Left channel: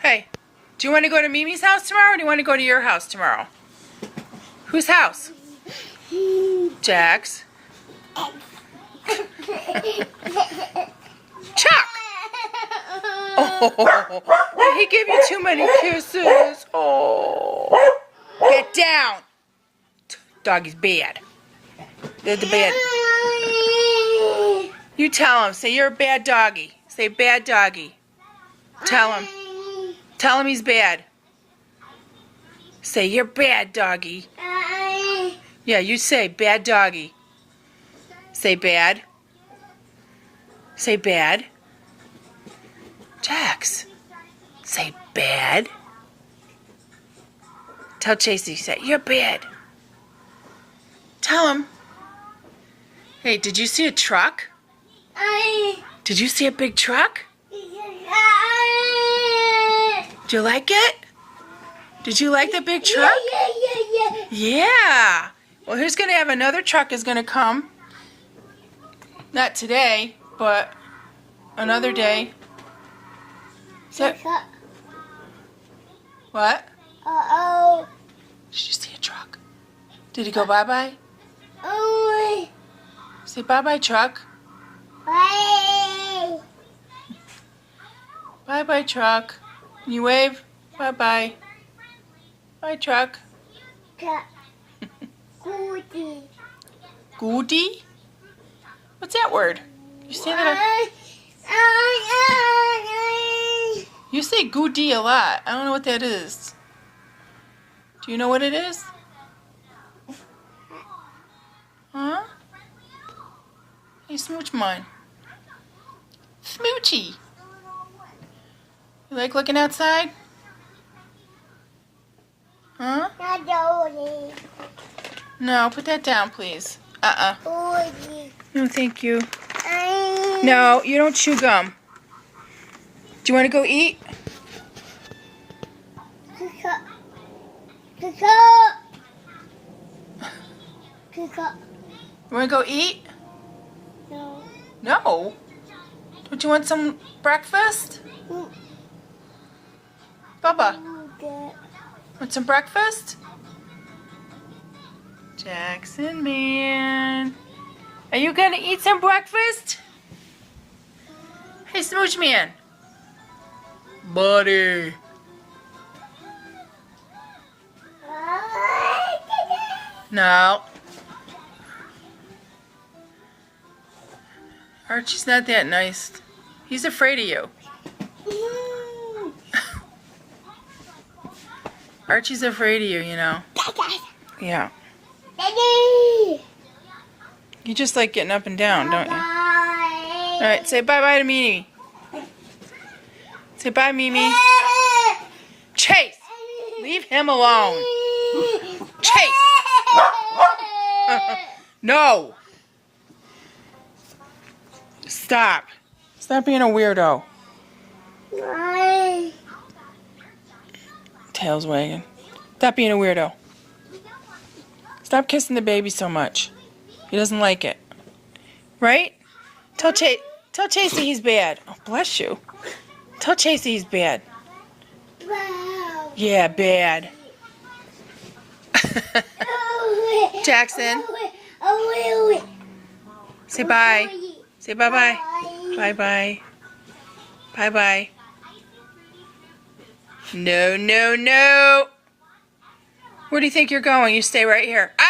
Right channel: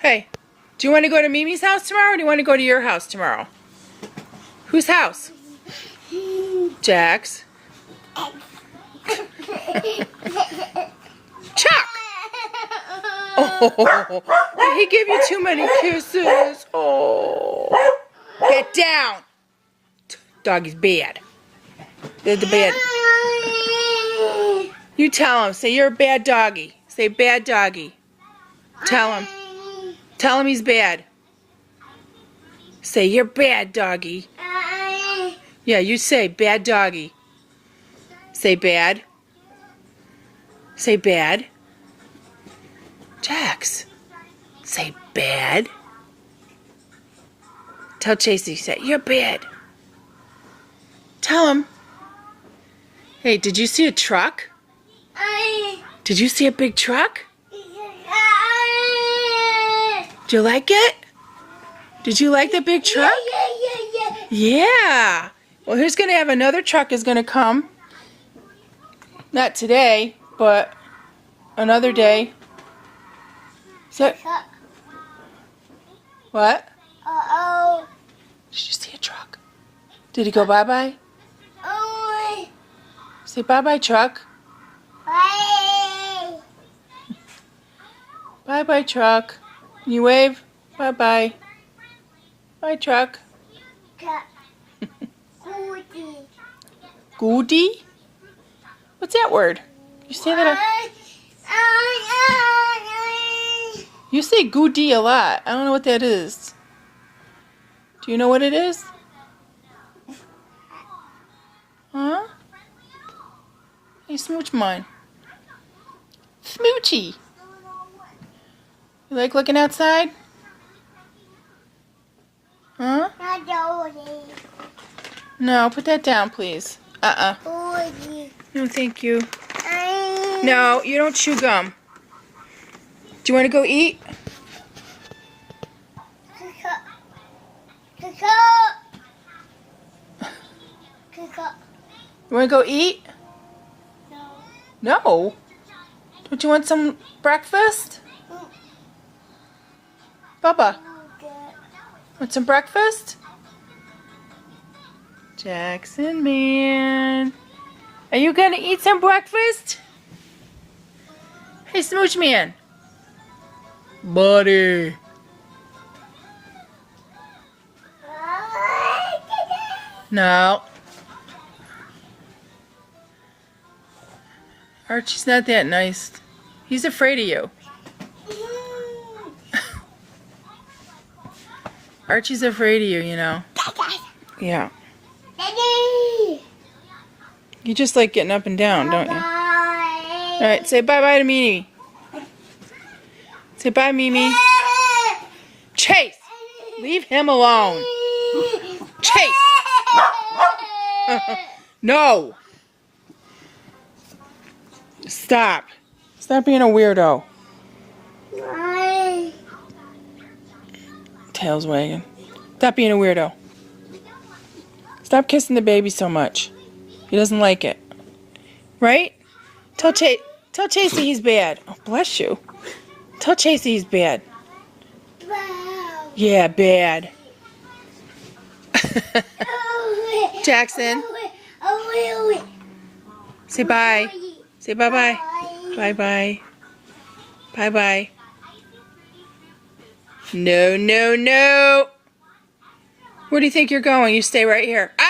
Hey, do you want to go to Mimi's house tomorrow or do you want to go to your house tomorrow? Whose house? Jax. Chuck! Oh, he gave you too many kisses. Oh. Get down. Doggy's bad. They're the bad. You tell him. Say you're a bad doggy. Say bad doggy. Tell him. Tell him he's bad. Say you're bad doggy. Yeah, you say bad doggy. Say bad. Say bad. Jax. Say bad. Tell Chasey, say you're bad. Tell him. Hey, did you see a truck? Did you see a big truck? Do you like it? Did you like the big truck? Yeah. Well, here's going to have another truck is going to come. Not today, but another day. So, what? Uh-oh. Did you see a truck? Did he go bye-bye? Oh. Say bye-bye, truck. Bye. Bye-bye, truck. Can you wave? Bye-bye. Bye, truck. Goody. Goody? What's that word? You say that? You say goody a lot. I don't know what that is. Do you know what it is? Huh? Hey, smooch mine. Smoochy. You like looking outside? Huh? No, put that down, please. No, thank you. No, you don't chew gum. Do you want to go eat? You want to go eat? No. No? Don't you want some breakfast? Bubba, want some breakfast? Jaxson, man. Are you going to eat some breakfast? Hey, Smooch Man. Buddy. No. Archie's not that nice. He's afraid of you. Archie's afraid of you, you know. Yeah. Daddy. You just like getting up and down, don't you? Bye. All right, say bye-bye to Mimi. Say bye, Mimi. Chase, leave him alone. Chase. No. Stop. Stop being a weirdo. Bye. Tail's wagging. Stop being a weirdo. Stop kissing the baby so much. He doesn't like it. Right? Tell Chasey he's bad. Oh, bless you. Tell Chasey he's bad. Wow. Yeah, bad. Jaxson, say bye. Say bye-bye. Bye-bye. Bye-bye. No, no, no. Where do you think you're going? You stay right here. Ah!